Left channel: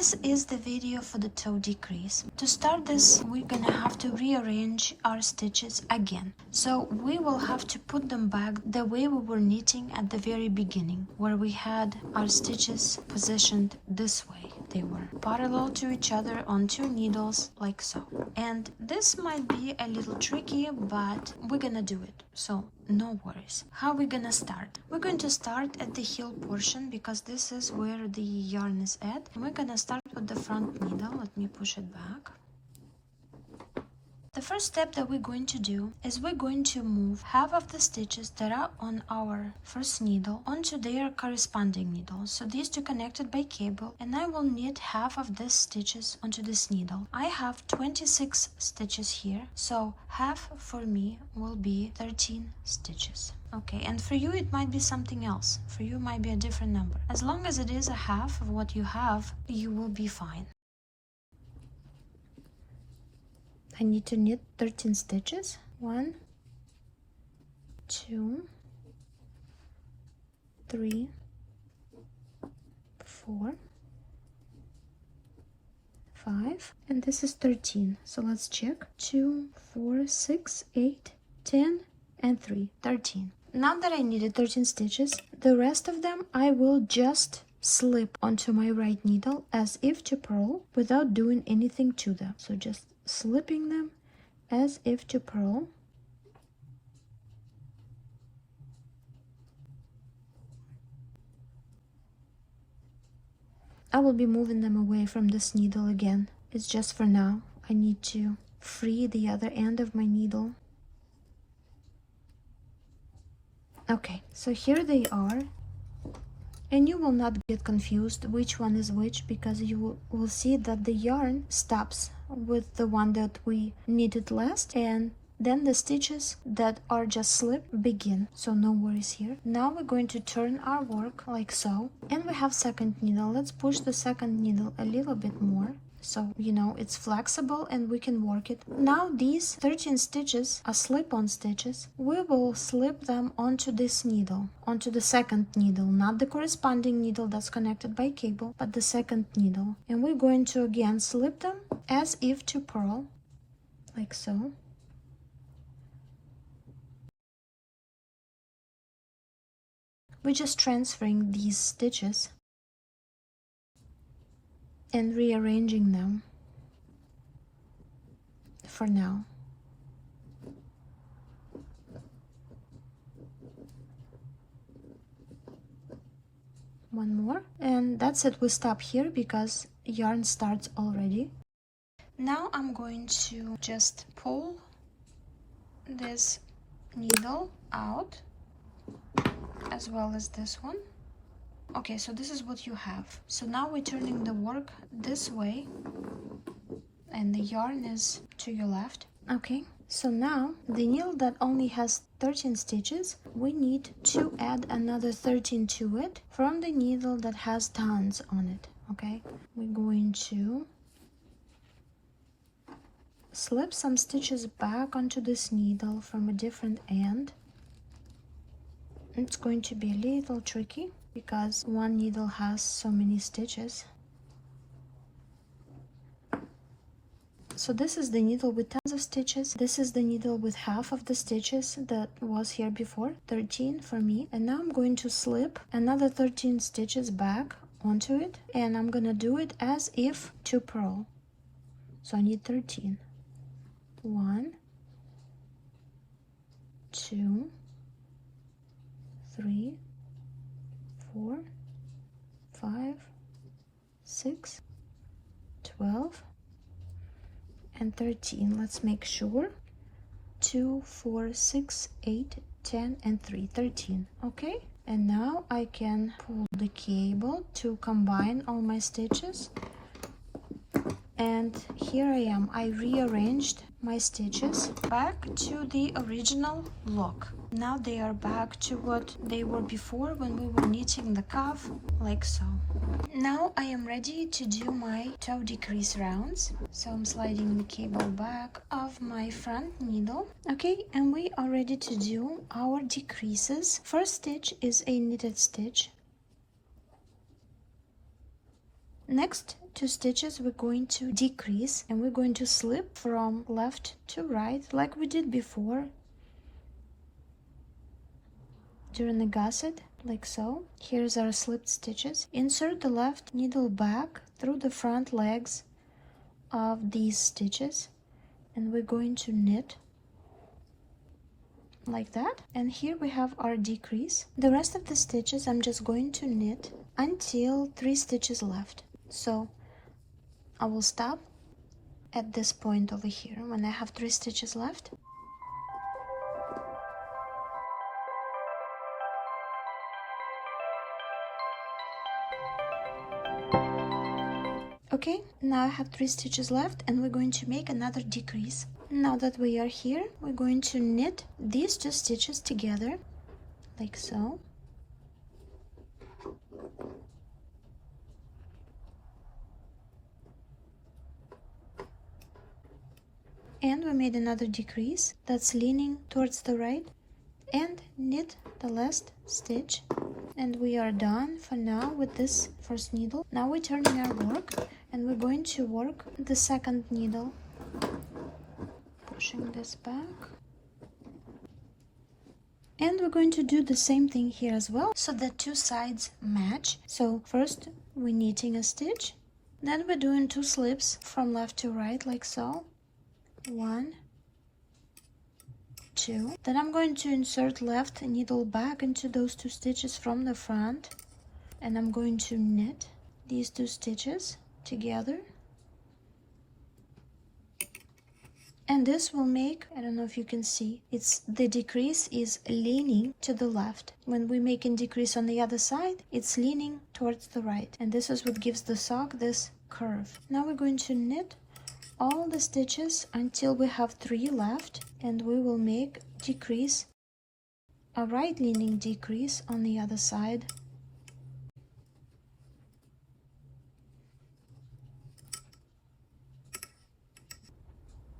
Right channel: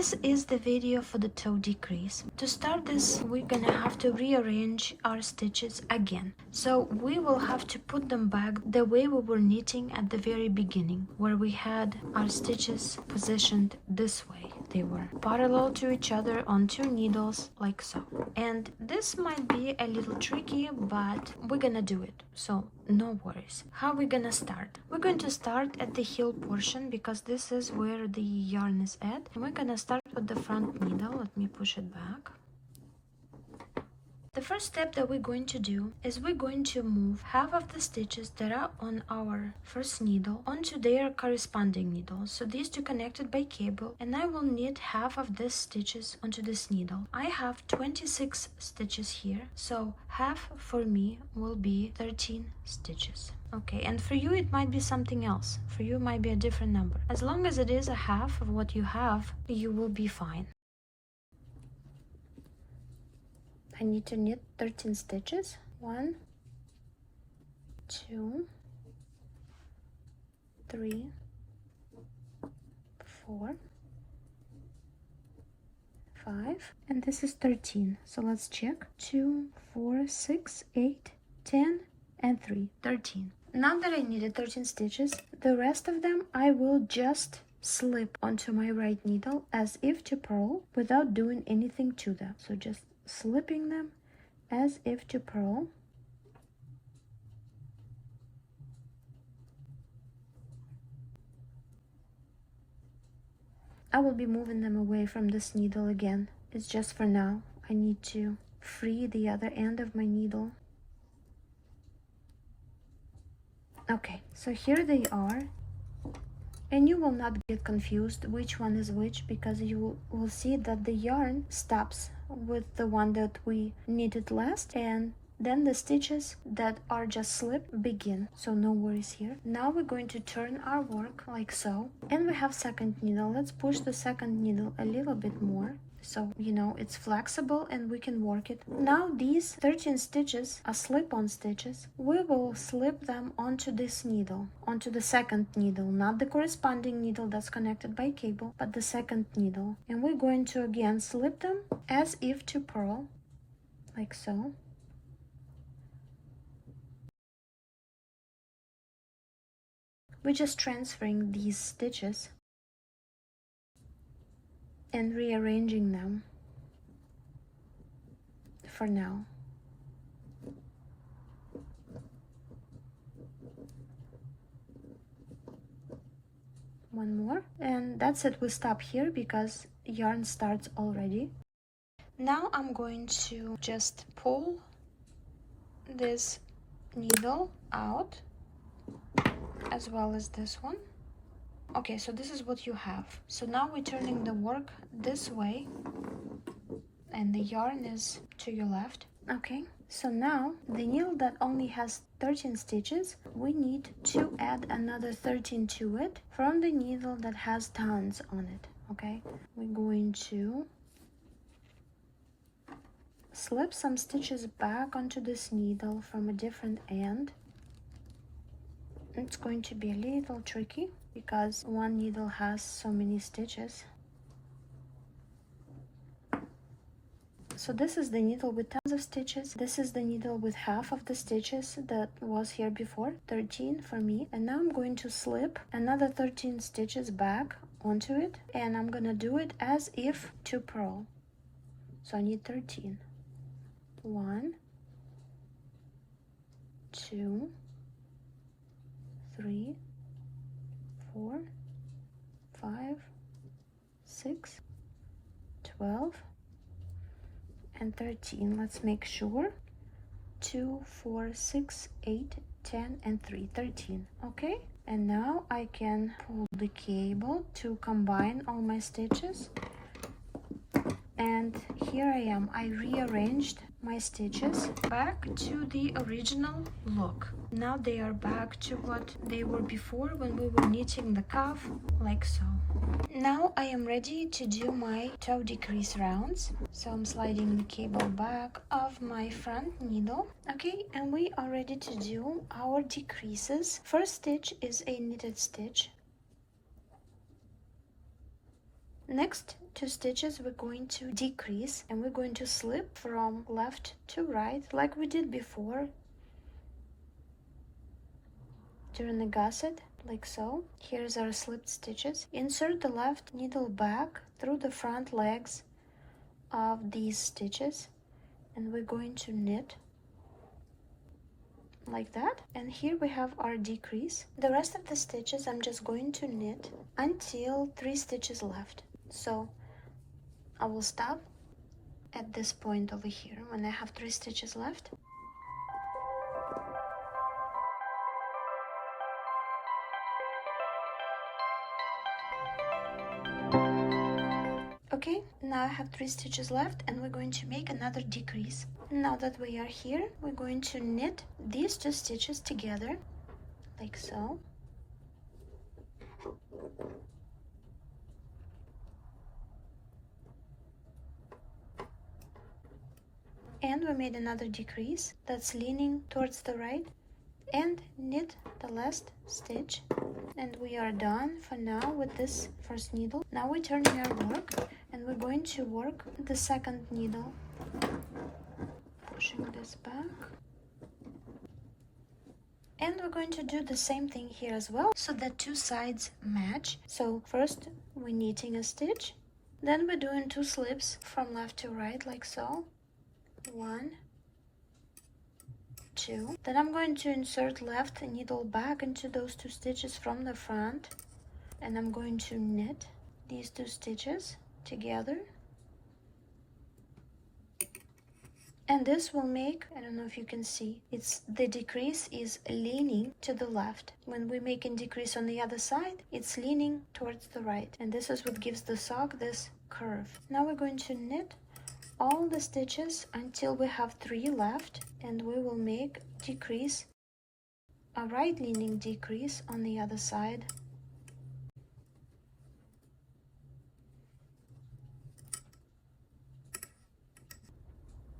this is the video for the toe decrease. To start this, we're gonna have to rearrange our stitches again. So we will have to put them back the way we were knitting at the very beginning, where we had our stitches positioned this way. They were parallel to each other on 2 needles, like so. And this might be a little tricky, but we're gonna do it, so no worries. How are we gonna start? We're going to start at the heel portion because this is where the yarn is at, and we're gonna start with the front needle. Let me push it back. The first step that we're going to do is we're going to move half of the stitches that are on our first needle onto their corresponding needle. So these two connected by cable, and I will knit half of these stitches onto this needle. I have 26 stitches here, so half for me will be 13 stitches. Okay, and for you it might be something else. For you it might be a different number. As long as it is a half of what you have, you will be fine. I need to knit 13 stitches. 1, 2, 3, 4, 5, and this is 13. So let's check. 2, 4, 6, 8, 10, and 3. 13. Now that I knitted 13 stitches, the rest of them I will just slip onto my right needle as if to purl without doing anything to them. So just slipping them as if to purl. I will be moving them away from this needle again. It's just for now. I need to free the other end of my needle. Okay, so here they are. And you will not get confused which one is which, because you will see that the yarn stops with the one that we knitted last, and then the stitches that are just slipped begin, so no worries here. Now we're going to turn our work like so, and we have second needle. Let's push the second needle a little bit more, so you know it's flexible and we can work it. Now these 13 stitches are slip-on stitches. We will slip them onto this needle, onto the second needle, not the corresponding needle that's connected by cable, but the second needle. And we're going to again slip them as if to purl, like so. We're just transferring these stitches and rearranging them for now. One more, and that's it. We stop here because yarn starts already. Now I'm going to just pull this needle out as well as this one. Okay, so this is what you have. So now we're turning the work this way and the yarn is to your left. Okay, so now the needle that only has 13 stitches, we need to add another 13 to it from the needle that has tons on it. Okay, we're going to slip some stitches back onto this needle from a different end. It's going to be a little tricky because one needle has so many stitches. So this is the needle with tons of stitches. This is the needle with half of the stitches that was here before, 13 for me. And now I'm going to slip another 13 stitches back onto it, and I'm gonna do it as if to purl. So I need 13. 1, 2, 3, 4, 5, 6, 12, and 13. Let's make sure. 2, 4, 6, 8, 10, and 3. 13. Okay, and now I can pull the cable to combine all my stitches. And here I am. I rearranged my stitches back to the original look. Now they are back to what they were before when we were knitting the cuff, like so. Now I am ready to do my toe decrease rounds. So I'm sliding the cable back of my front needle. Okay, and we are ready to do our decreases. First stitch is a knitted stitch. Next, two stitches we're going to decrease, and we're going to slip from left to right like we did before during the gusset, like so. Here's our slipped stitches. Insert the left needle back through the front legs of these stitches, and we're going to knit like that. And here we have our decrease. The rest of the stitches I'm just going to knit until 3 stitches left. So I will stop at this point over here when I have 3 stitches left. Okay, now I have 3 stitches left, and we're going to make another decrease. Now that we are here, we're going to knit these 2 stitches together, like so. And we made another decrease that's leaning towards the right, and knit the last stitch. And we are done for now with this first needle. Now we're turning our work, and we're going to work the second needle. Pushing this back. And we're going to do the same thing here as well, so that 2 sides match. So first we're knitting a stitch, then we're doing 2 slips from left to right, like so. 1, 2. Then I'm going to insert left needle back into those 2 stitches from the front, and I'm going to knit these 2 stitches together. And this will make, I don't know if you can see, the decrease is leaning to the left. When we're making decrease on the other side, it's leaning towards the right. And this is what gives the sock this curve. Now we're going to knit all the stitches until we have 3 left, and we will make decrease, a right leaning decrease on the other side.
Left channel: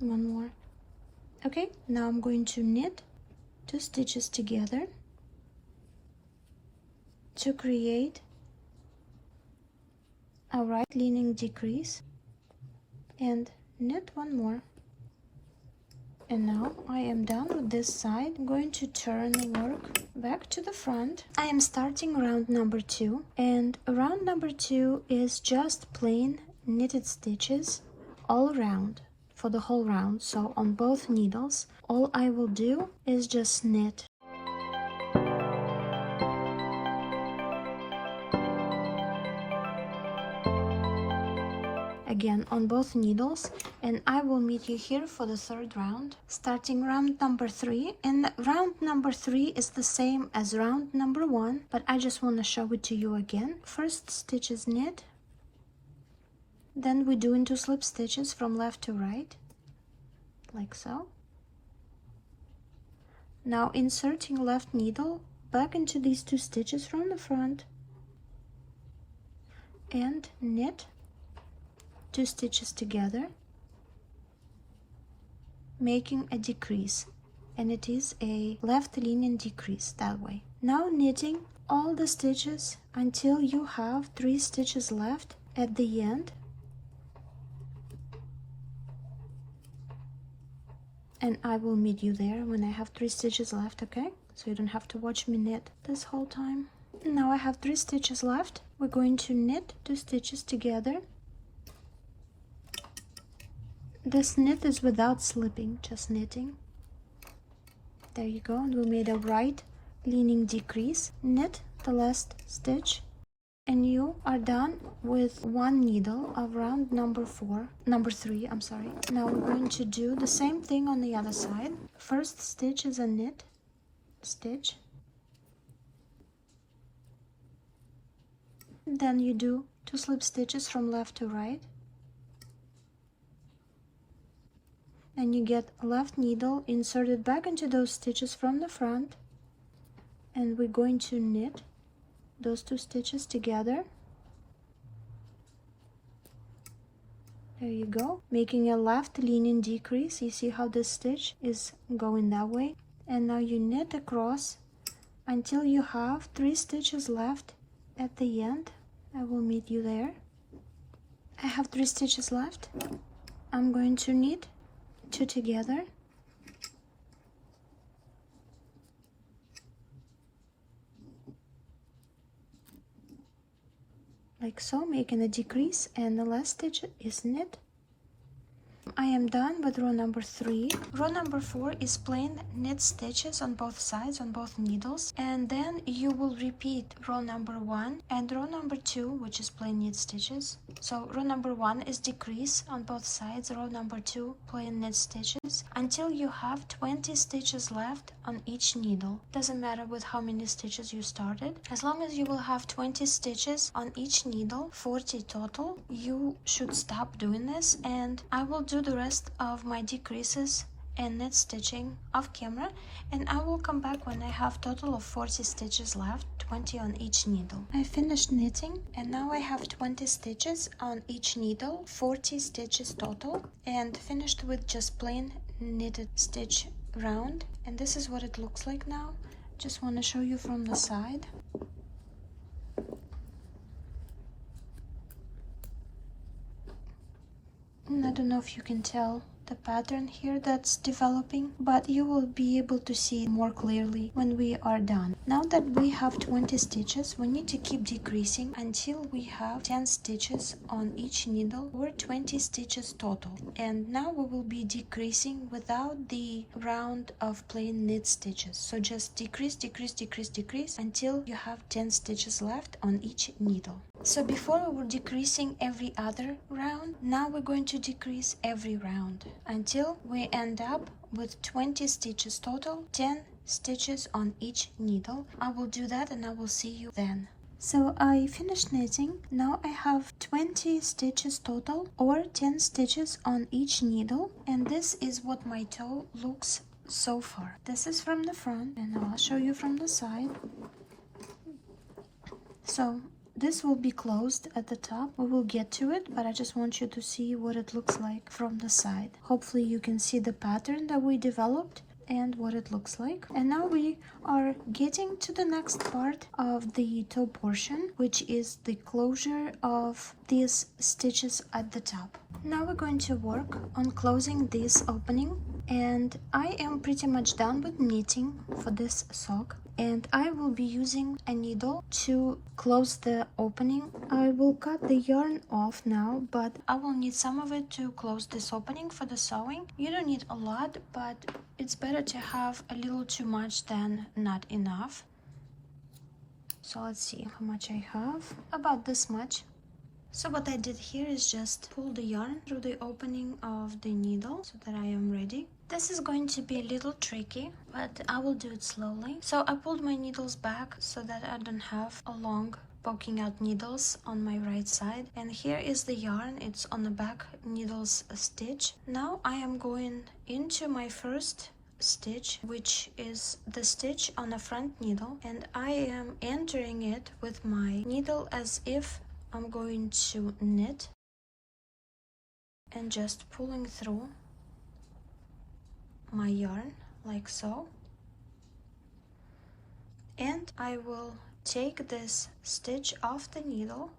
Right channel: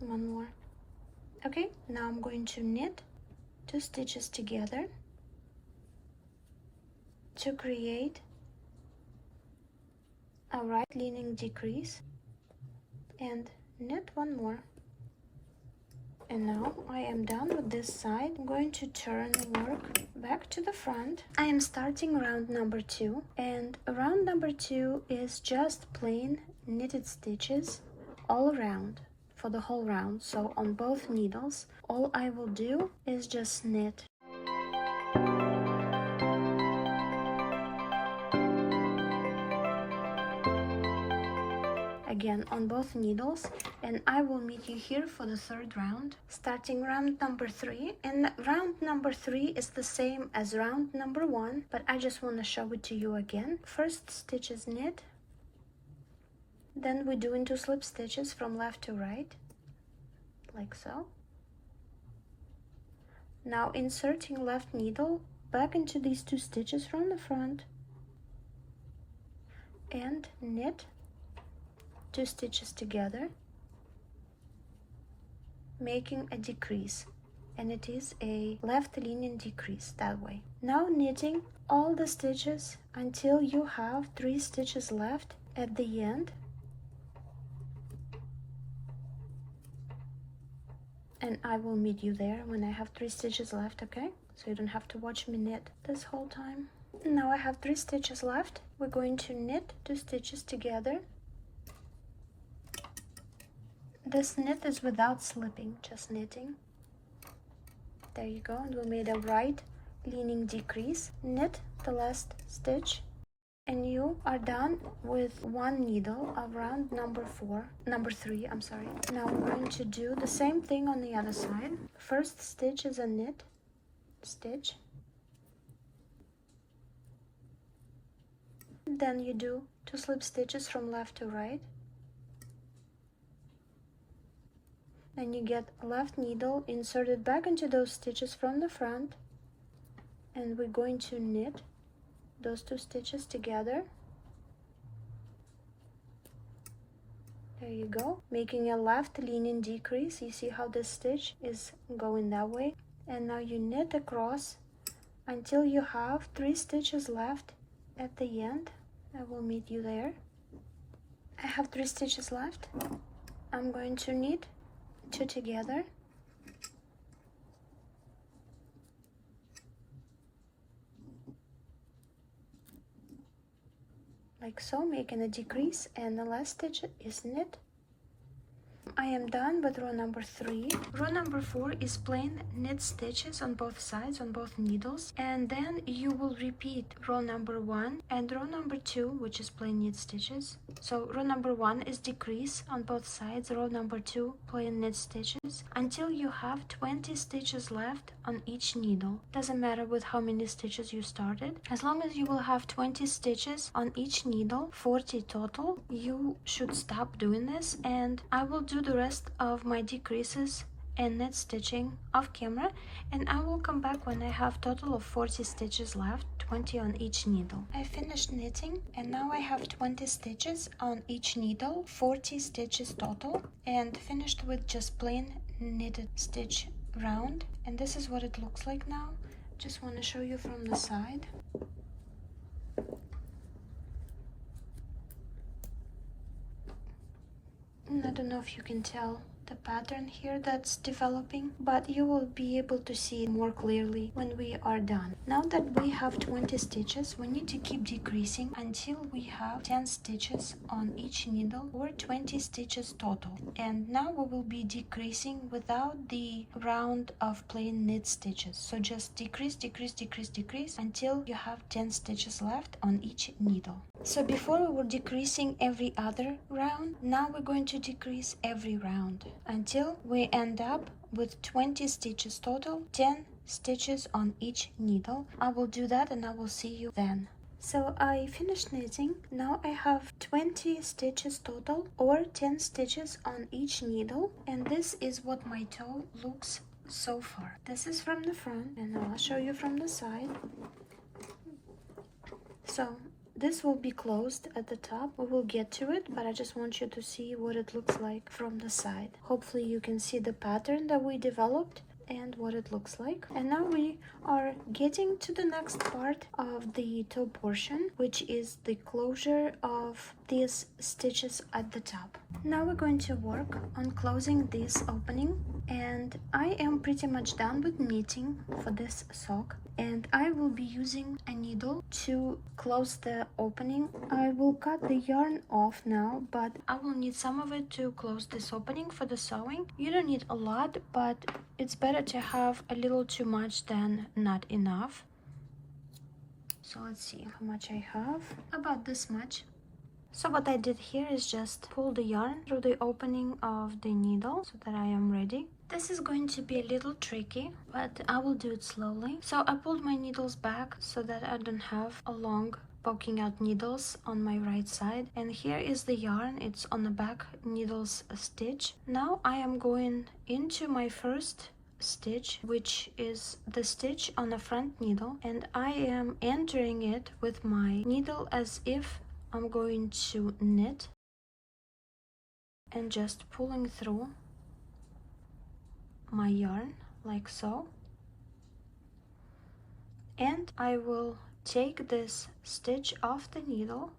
One more. Okay, now I'm going to knit 2 stitches together to create a right leaning decrease, and knit 1 more. And now I am done with this side. I'm going to turn the work back to the front. I am starting round number 2, and round number 2 is just plain knitted stitches all around for the whole round. So on both needles, all I will do is just knit. Again on both needles, and I will meet you here for the 3rd round, starting round number 3. And round number 3 is the same as round number 1, but I just want to show it to you again. First stitch is knit, then we do into slip stitches from left to right, like so. Now inserting left needle back into these 2 stitches from the front, and knit 2 stitches together, making a decrease, and it is a left leaning decrease that way. Now knitting all the stitches until you have 3 stitches left at the end, and I will meet you there when I have 3 stitches left, okay? So you don't have to watch me knit this whole time. Now I have 3 stitches left. We're going to knit 2 stitches together. This knit is without slipping, just knitting. There you go, and we made a right leaning decrease. Knit the last stitch, and you are done with 1 needle of round number 3, I'm sorry. Now we're going to do the same thing on the other side. First stitch is a knit stitch, then you do 2 slip stitches from left to right, and you get a left needle inserted back into those stitches from the front, and we're going to knit those 2 stitches together. There you go, making a left leaning decrease. You see how this stitch is going that way, and now you knit across until you have 3 stitches left at the end. I will meet you there. I have 3 stitches left. I'm going to knit 2 together. Like so, making a decrease, and the last stitch is knit. I am done with row number 3. Row number 4 is plain knit stitches on both sides, on both needles, and then you will repeat row number 1 and row number 2, which is plain knit stitches. So row number 1 is decrease on both sides, row number 2 plain knit stitches, until you have 20 stitches left on each needle. Doesn't matter with how many stitches you started. As long as you will have 20 stitches on each needle, 40 total, you should stop doing this, and I will do the rest of my decreases and knit stitching off camera, and I will come back when I have total of 40 stitches left, 20 on each needle. I finished knitting, and now I have 20 stitches on each needle, 40 stitches total, and finished with just plain knitted stitch round. And this is what it looks like now. Just want to show you from the side. I don't know if you can tell the pattern here that's developing, but you will be able to see it more clearly when we are done. Now that we have 20 stitches, we need to keep decreasing until we have 10 stitches on each needle, or 20 stitches total. And now we will be decreasing without the round of plain knit stitches. So just decrease, decrease, decrease, decrease until you have 10 stitches left on each needle. So before we were decreasing every other round, now we're going to decrease every round until we end up with 20 stitches total, 10 stitches on each needle. I will do that and I will see you then. So I finished knitting. Now I have 20 stitches total, or 10 stitches on each needle, and this is what my toe looks so far. This is from the front, and I'll show you from the side. So this will be closed at the top. We will get to it, but I just want you to see what it looks like from the side. Hopefully you can see the pattern that we developed and what it looks like. And now we are getting to the next part of the toe portion, which is the closure of these stitches at the top. Now we're going to work on closing this opening, and I am pretty much done with knitting for this sock, and I will be using a needle to close the opening. I will cut the yarn off now, but I will need some of it to close this opening for the sewing. You don't need a lot, but it's better to have a little too much than not enough. So let's see how much I have. About this much. So what I did here is just pull the yarn through the opening of the needle so that I am ready. This is going to be a little tricky, but I will do it slowly. So I pulled my needles back so that I don't have a long poking out needles on my right side. And here is the yarn. It's on the back needles stitch. Now I am going into my first stitch, which is the stitch on the front needle, and I am entering it with my needle as if I'm going to knit, and just pulling through my yarn like so. And I will take this stitch off the needle.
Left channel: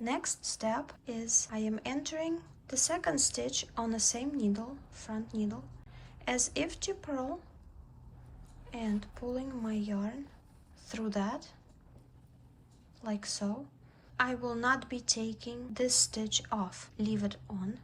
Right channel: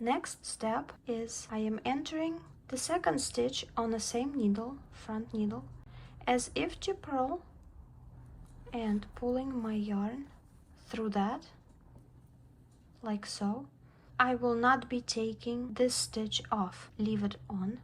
Next step is I am entering the second stitch on the same needle, front needle, as if to purl, and pulling my yarn through that like so. I will not be taking this stitch off, leave it on.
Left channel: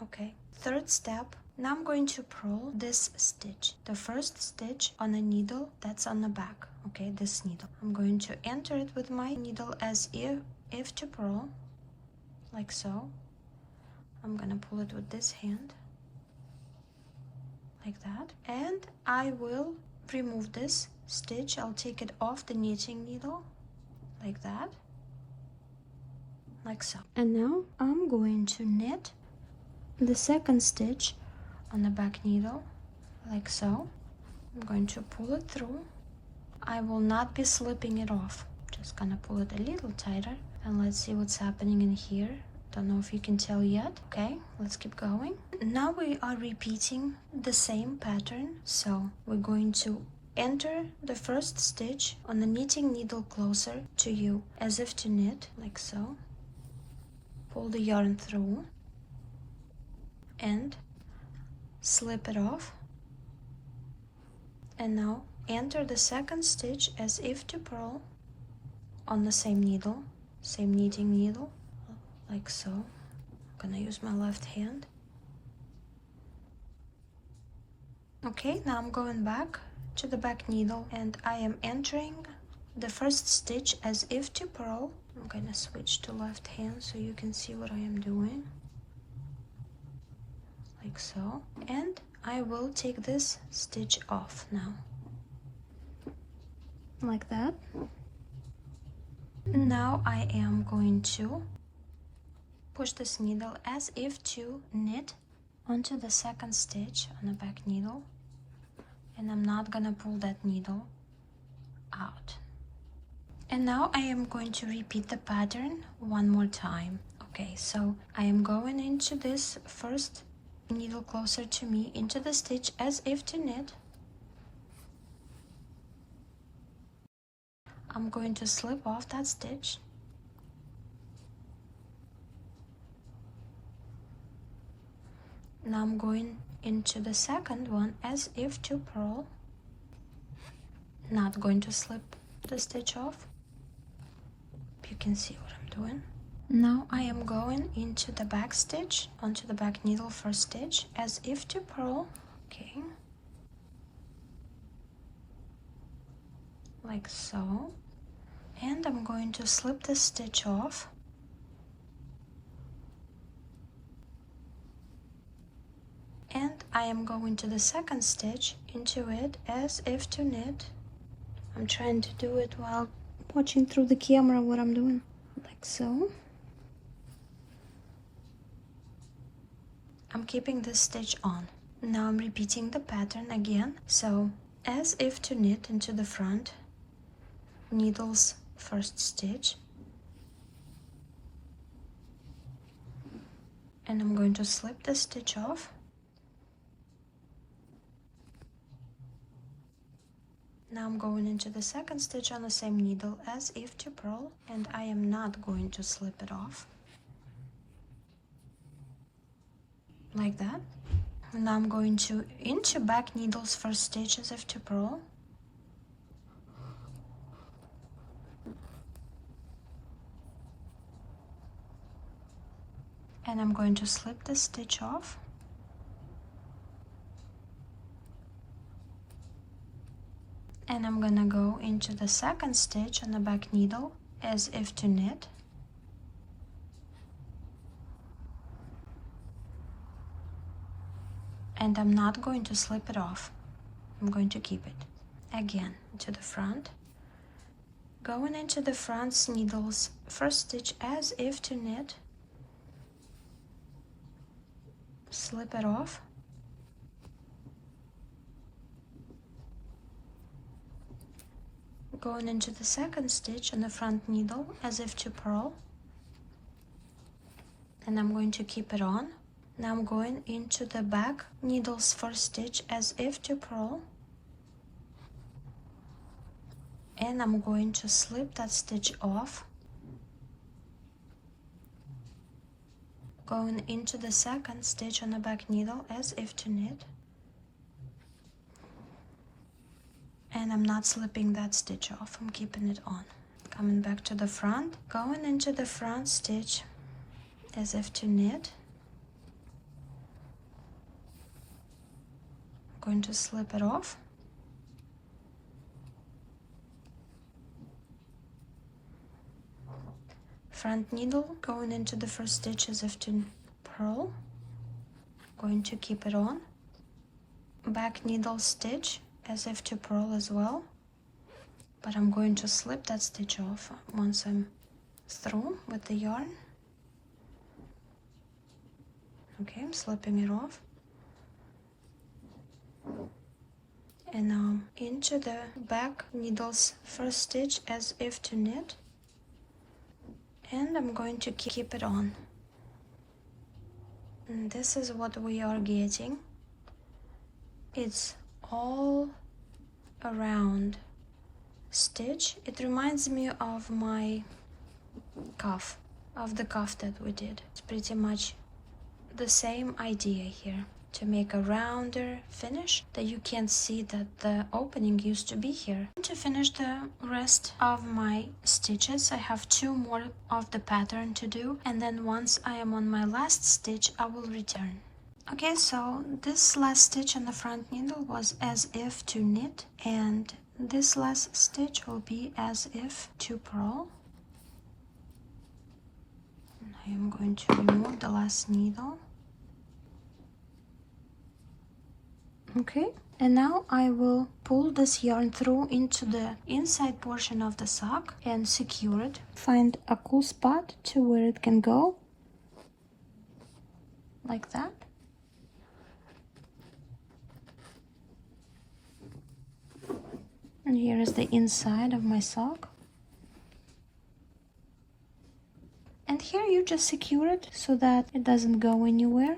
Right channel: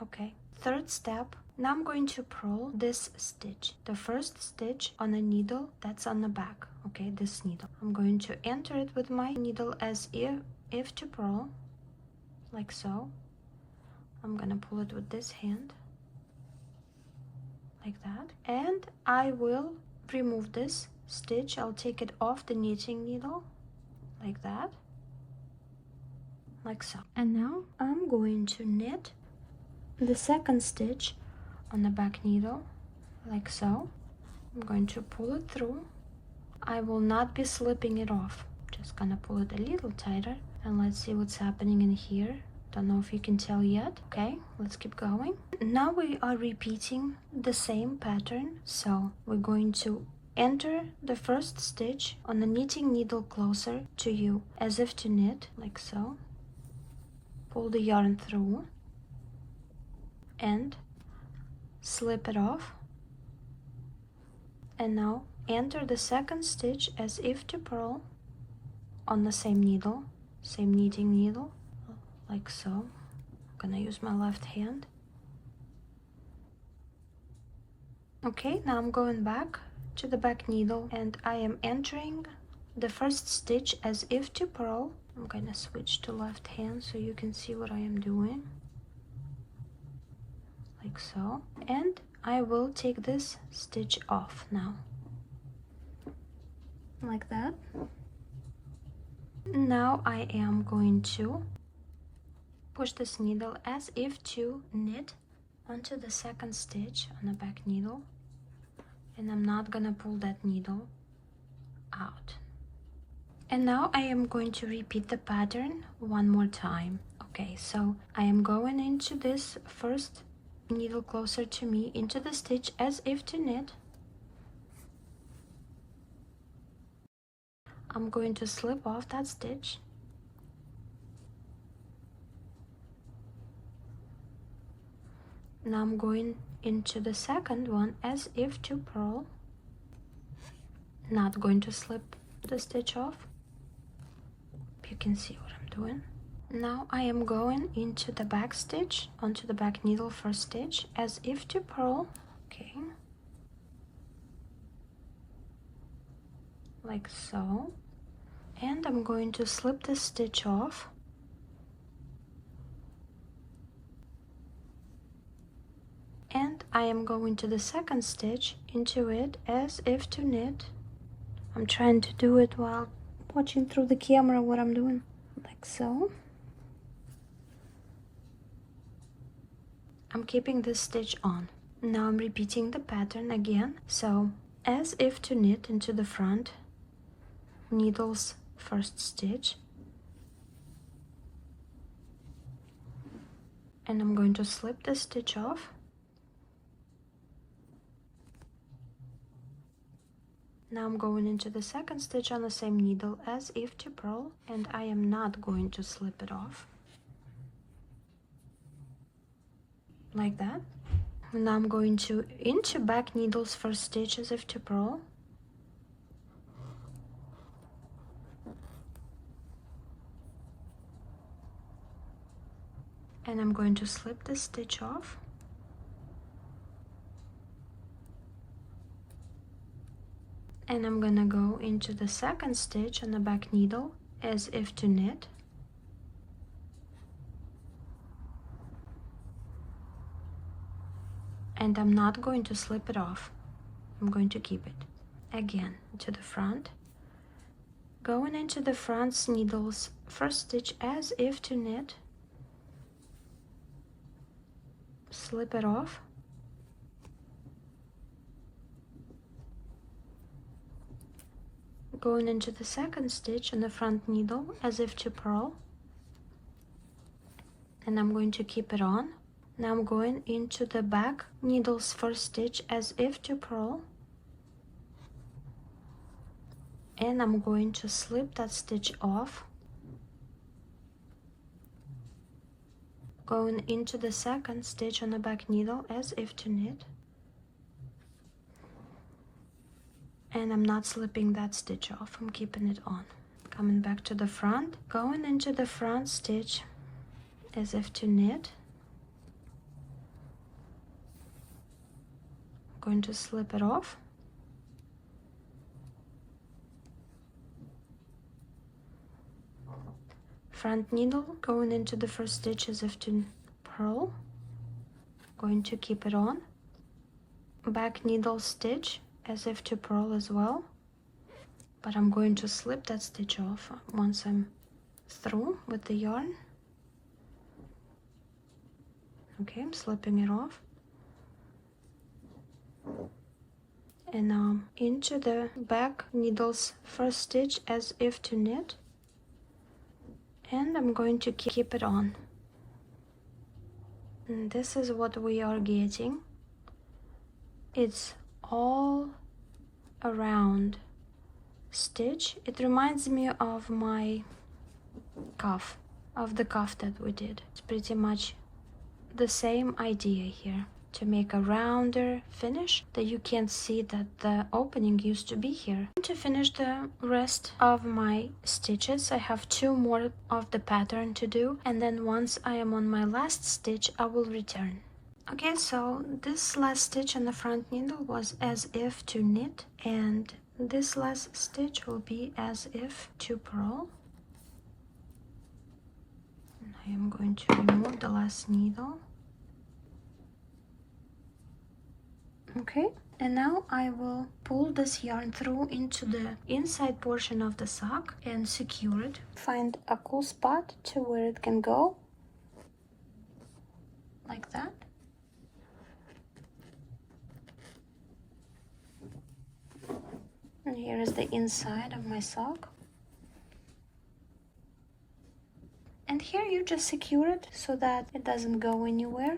Okay, third step. Now I'm going to purl this stitch, the first stitch on the needle that's on the back. Okay, this needle, I'm going to enter it with my needle as if to purl, like so. I'm gonna pull it with this hand like that, and I will remove this stitch. I'll take it off the knitting needle like that, like so. And now I'm going to knit the second stitch on the back needle like so. I'm going to pull it through. I will not be slipping it off, just gonna pull it a little tighter, and let's see what's happening in here. Don't know if you can tell yet. Okay, let's keep going. Now we are repeating the same pattern, so we're going to enter the first stitch on the knitting needle closer to you, as if to knit, like so. Pull the yarn through and slip it off. And now enter the second stitch as if to purl on the same needle, same knitting needle, like so. I'm gonna use my left hand. Okay, now I'm going back to the back needle and I am entering the first stitch as if to purl. I'm gonna switch to left hand so you can see what I am doing, like so. And I will take this stitch off now, like that. Now I am going to push this needle as if to knit onto the second stitch on the back needle, and I'm not gonna pull that needle out. And now I am going to repeat the pattern one more time. Okay, so I am going into this first needle closer to me, into the stitch as if to knit. I'm going to slip off that stitch. Now I'm going into the second one as if to purl. Not going to slip the stitch off. You can see what I'm doing. Now I am going into the back stitch, onto the back needle first stitch, as if to purl. Okay. Like so. And I'm going to slip this stitch off. And I am going to the second stitch, into it as if to knit. I'm trying to do it while watching through the camera what I'm doing, like so. I'm keeping this stitch on. Now I'm repeating the pattern again. So as if to knit into the front needle's first stitch, and I'm going to slip the stitch off. Now I'm going into the second stitch on the same needle as if to purl, and I am not going to slip it off, like that. And now I'm going to into back needle's first stitch as if to purl, and I'm going to slip the stitch off. And I'm gonna go into the second stitch on the back needle as if to knit. And I'm not going to slip it off. I'm going to keep it. Again, to the front. Going into the front needle's first stitch as if to knit. Slip it off. Going into the second stitch on the front needle as if to purl, and I'm going to keep it on. Now I'm going into the back needle's first stitch as if to purl, and I'm going to slip that stitch off. Going into the second stitch on the back needle as if to knit, and I'm not slipping that stitch off, I'm keeping it on. Coming back to the front, going into the front stitch as if to knit. I'm going to slip it off. Front needle, going into the first stitch as if to purl. Going to keep it on. Back needle stitch as if to purl as well, but I'm going to slip that stitch off once I'm through with the yarn. Okay, I'm slipping it off. And now into the back needle's first stitch as if to knit, and I'm going to keep it on. And this is what we are getting. It's all a round stitch. It reminds me of my cuff, of the cuff that we did. It's pretty much the same idea here, to make a rounder finish that you can see that the opening used to be here. To finish the rest of my stitches, I have 2 more of the pattern to do, and then once I am on my last stitch, I will return. Okay, so this last stitch on the front needle was as if to knit, and this last stitch will be as if to purl. And I am going to remove the last needle. Okay, and now I will pull this yarn through into the inside portion of the sock and secure it. Find a cool spot to where it can go, like that. And here is the inside of my sock. And here you just secure it so that it doesn't go anywhere.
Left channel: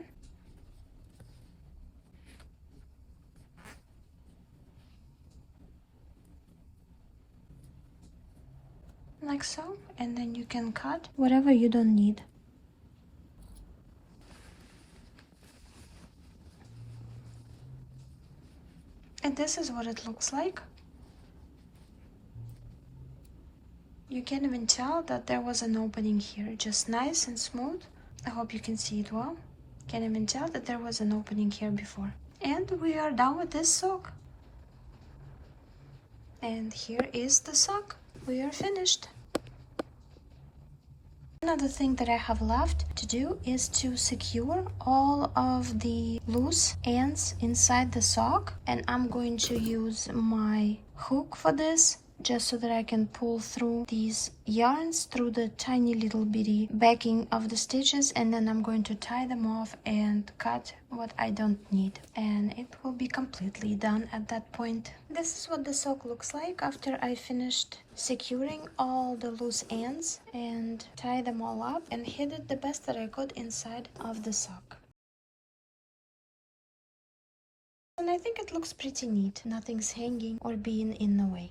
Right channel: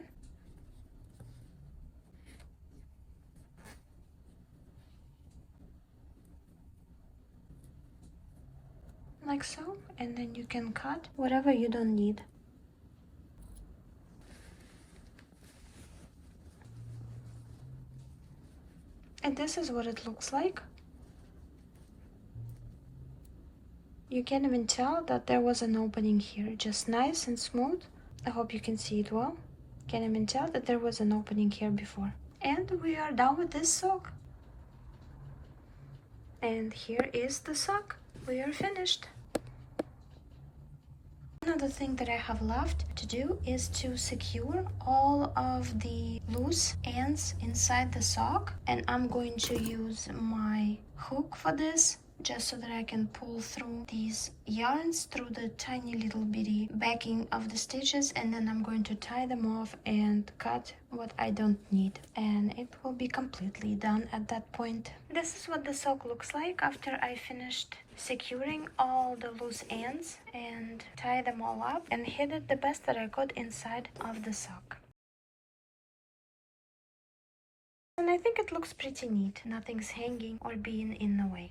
Like so, and then you can cut whatever you don't need. And this is what it looks like. You can't even tell that there was an opening here, just nice and smooth. I hope you can see it well. Can't even tell that there was an opening here before. And we are done with this sock. And here is the sock. We are finished. Another thing that I have left to do is to secure all of the loose ends inside the sock, and I'm going to use my hook for this, just so that I can pull through these yarns through the tiny little bitty backing of the stitches, and then I'm going to tie them off and cut what I don't need, and it will be completely done at that point. This is what the sock looks like after I finished securing all the loose ends and tie them all up and hid it the best that I could inside of the sock. And I think it looks pretty neat. Nothing's hanging or being in the way.